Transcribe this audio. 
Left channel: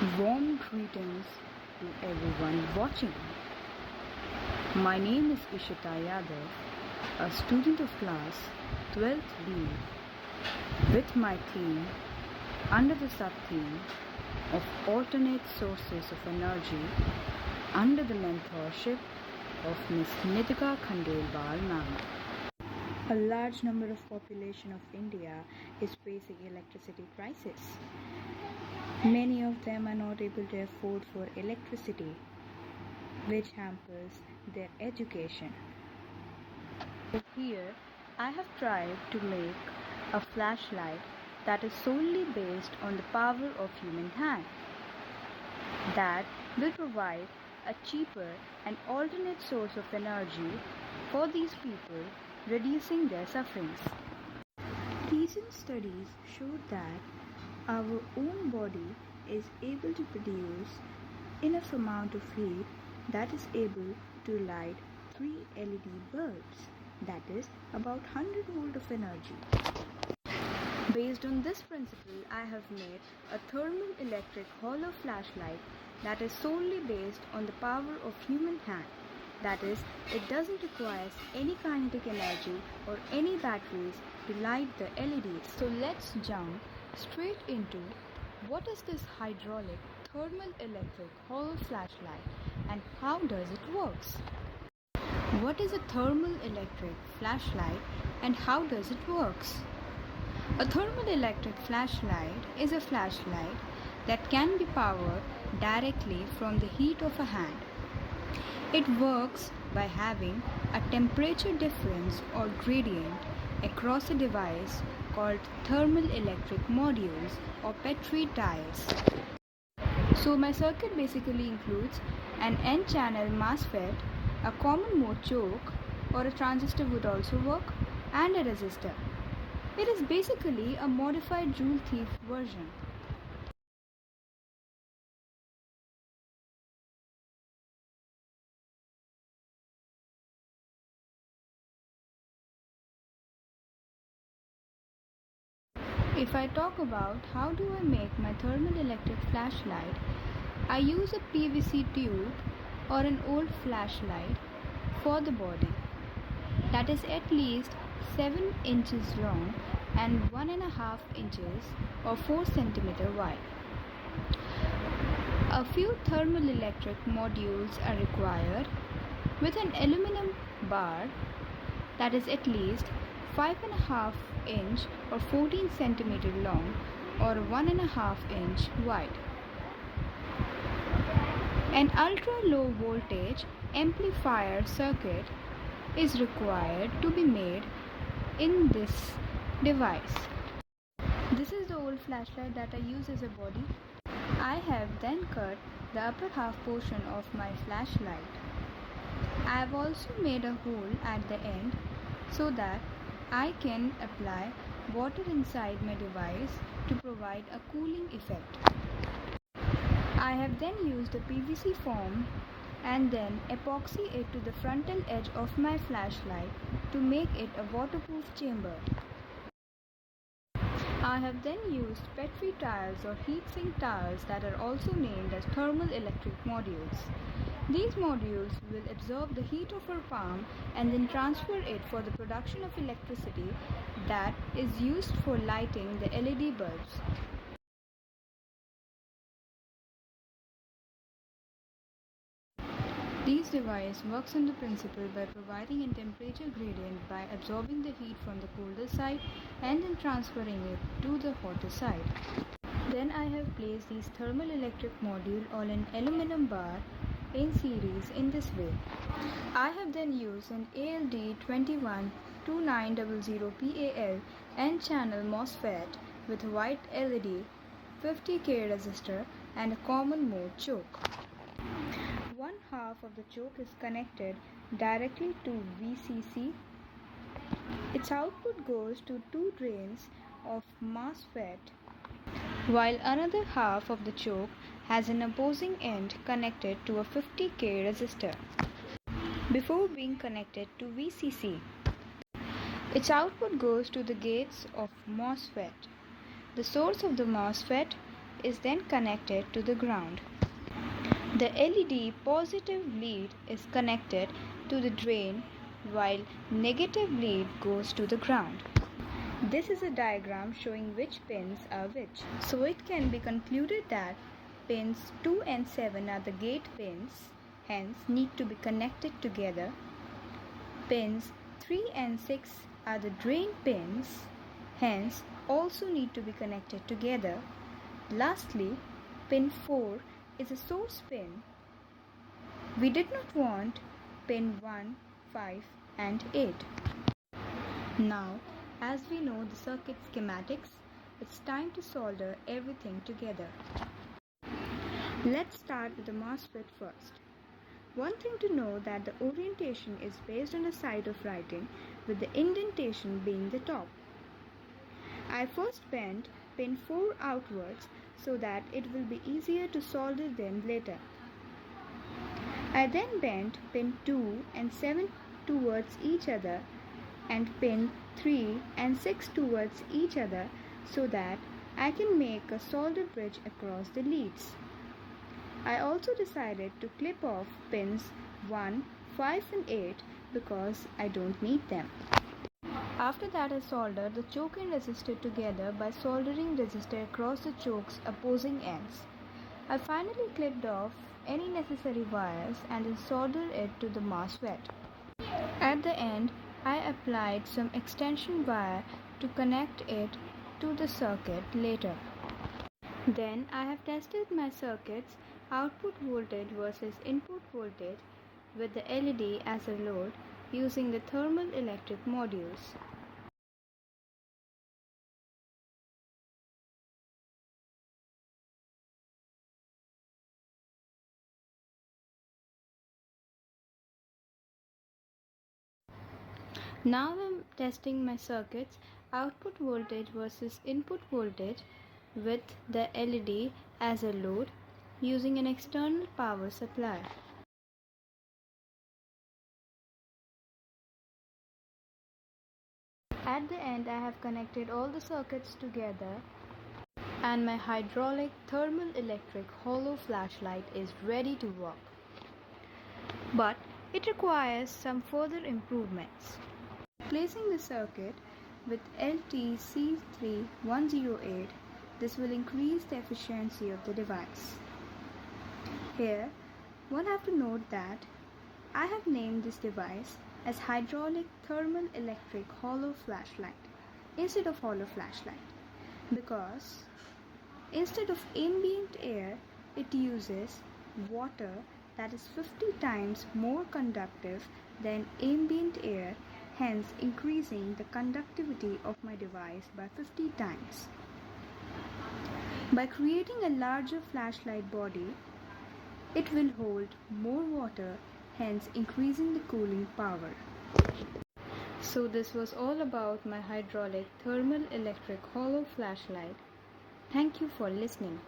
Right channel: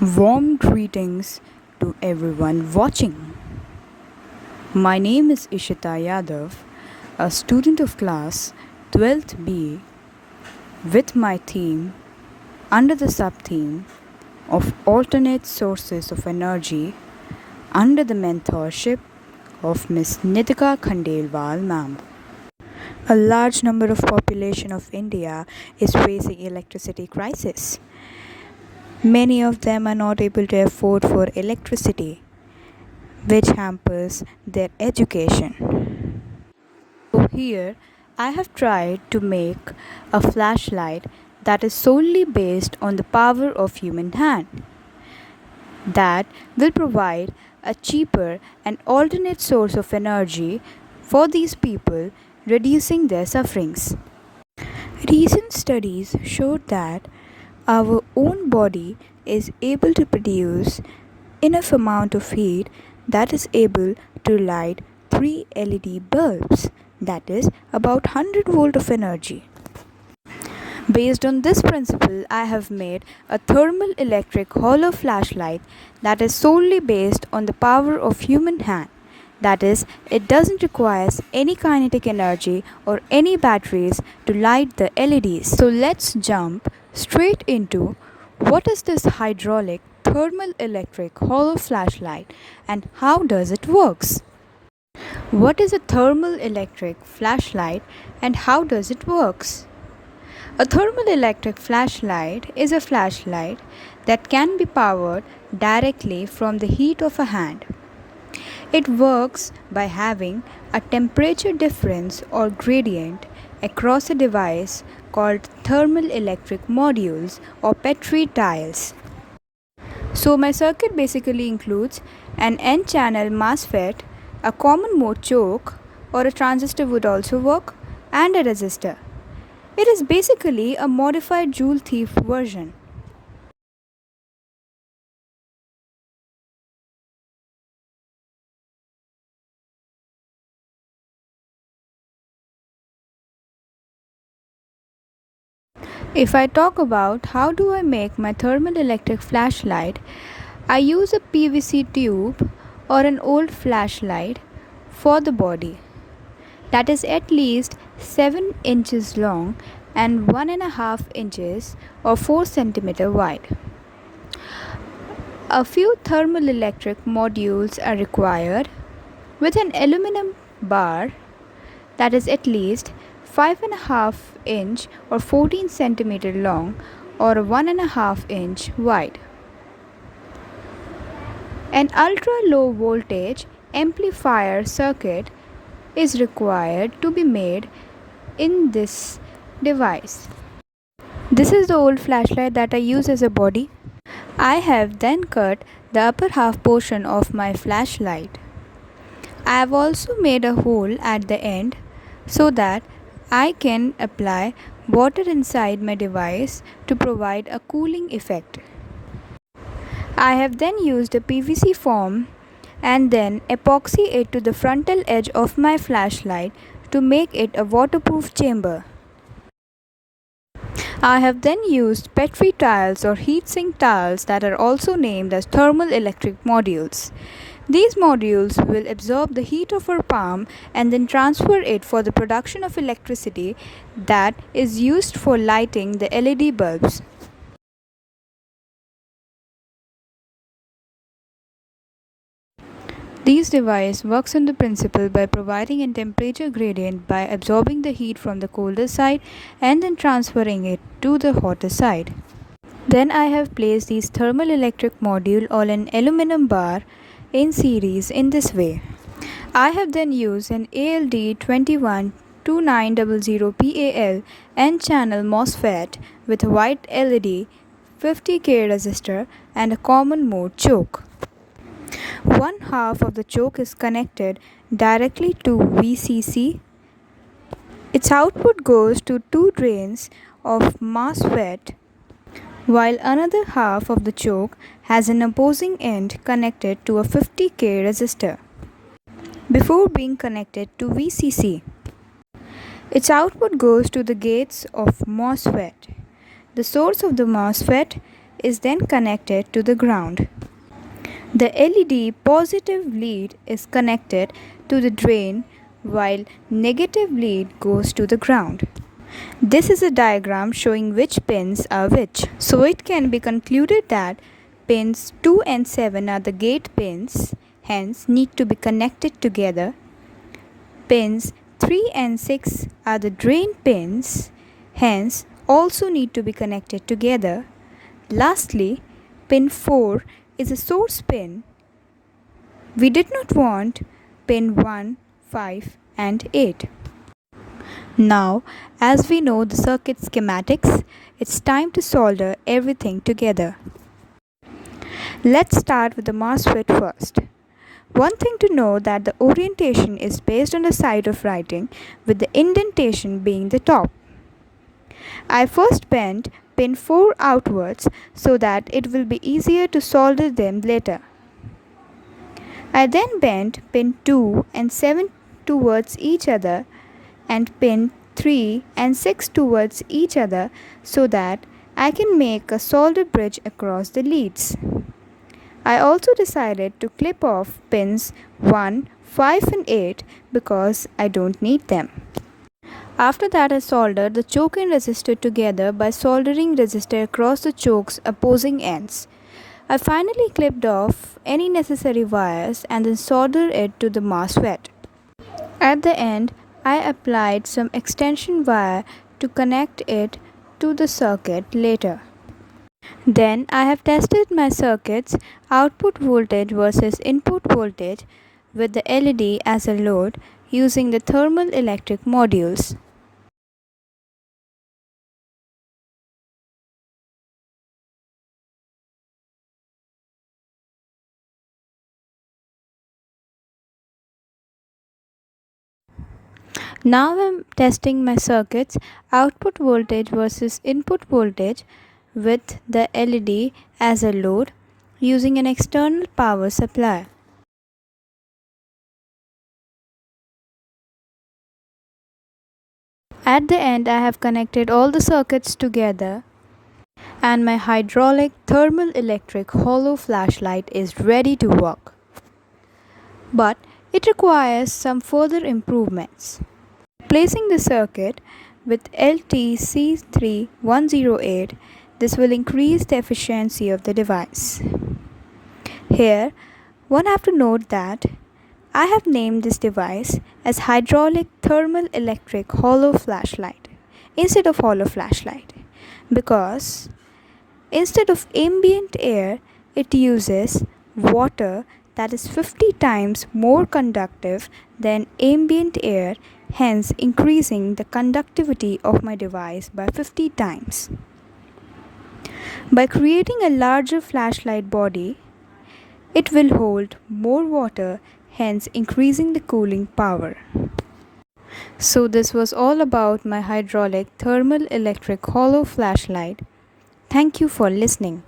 Warm greetings to everyone watching. My name is Ishita Yadav, a student of class 12th B, with my theme under the sub-theme of alternate sources of energy under the mentorship of Ms. Nitika Khandelwal ma'am. A large number of population of India is facing electricity crisis. Many of them are not able to afford for electricity, which hampers their education. So here I have tried to make a flashlight that is solely based on the power of human hand that will provide a cheaper and alternate source of energy for these people, reducing their sufferings. Recent studies showed that our own body is able to produce enough amount of heat that is able to light 3 LED bulbs, that is about 100 volt of energy. Based on this principle, I have made a thermal electric hollow flashlight that is solely based on the power of human hand. That is, it doesn't require any kinetic energy or any batteries to light the LEDs. So let's jump straight into what is this hydraulic thermal electric hollow flashlight and how does it works? What is a thermal electric flashlight and how does it works? A thermal electric flashlight is a flashlight that can be powered directly from the heat of a hand. It works by having a temperature difference or gradient across a device called thermal electric modules or Petri tiles. So my circuit basically includes an N-channel MOSFET, a common mode choke or a transistor would also work, and a resistor. It is basically a modified Joule thief version. If I talk about how do I make my thermal electric flashlight, I use a PVC tube or an old flashlight for the body that is at least 7 inches long and 1.5 inches or 4 centimeter wide. A few thermal electric modules are required with an aluminum bar that is at least 5.5 inch or 14 centimeter long or 1.5 inch wide. An ultra low voltage amplifier circuit is required to be made in this device. This is the old flashlight that I use as a body. I have then cut the upper half portion of my flashlight. I have also made a hole at the end so that I can apply water inside my device to provide a cooling effect. I have then used a PVC foam and then epoxy it to the frontal edge of my flashlight to make it a waterproof chamber. I have then used Petri tiles or heatsink tiles that are also named as thermal electric modules. These modules will absorb the heat of our palm and then transfer it for the production of electricity that is used for lighting the LED bulbs. This device works on the principle by providing a temperature gradient by absorbing the heat from the colder side and then transferring it to the hotter side. Then I have placed these thermal electric module on an aluminum bar in series in this way. I have then used an ALD212900 N-channel MOSFET with a white LED, 50K resistor and a common mode choke. One half of the choke is connected directly to VCC. Its output goes to two drains of MOSFET, while another half of the choke has an opposing end connected to a 50K resistor before being connected to VCC. Its output goes to the gates of MOSFET. The source of the MOSFET is then connected to the ground. The LED positive lead is connected to the drain while negative lead goes to the ground. This is a diagram showing which pins are which. So it can be concluded that pins 2 and 7 are the gate pins, hence need to be connected together. Pins 3 and 6 are the drain pins, hence also need to be connected together. Lastly, pin 4 is a source pin. We did not want pin 1, 5 and 8. Now, as we know the circuit schematics, it's time to solder everything together. Let's start with the MOSFET first. One thing to know that the orientation is based on the side of writing, with the indentation being the top. I first bent pin 4 outwards so that it will be easier to solder them later. I then bent pin 2 and 7 towards each other and pin 3 and 6 towards each other so that I can make a solder bridge across the leads. I also decided to clip off pins 1, 5 and 8 because I don't need them. After that, I soldered the choke and resistor together by soldering resistor across the choke's opposing ends. I finally clipped off any necessary wires and then soldered it to the MOSFET. At the end, I applied some extension wire to connect it to the circuit later. Then I have tested my circuit's output voltage versus input voltage with the LED as a load using the thermalelectric modules. Now I am testing my circuit's output voltage versus input voltage with the LED as a load using an external power supply. At the end, I have connected all the circuits together and my hydraulic thermalelectric hollow flashlight is ready to work. But it requires some further improvements. Placing the circuit with LTC3108, this will increase the efficiency of the device. Here, one have to note that I have named this device as hydraulic thermalelectric hollow flashlight instead of hollow flashlight because instead of ambient air, it uses water that is 50 times more conductive than ambient air, hence increasing the conductivity of my device by 50 times. By creating a larger flashlight body, it will hold more water, hence increasing the cooling power. So this was all about my hydraulic thermalelectric hollow flashlight. Thank you for listening.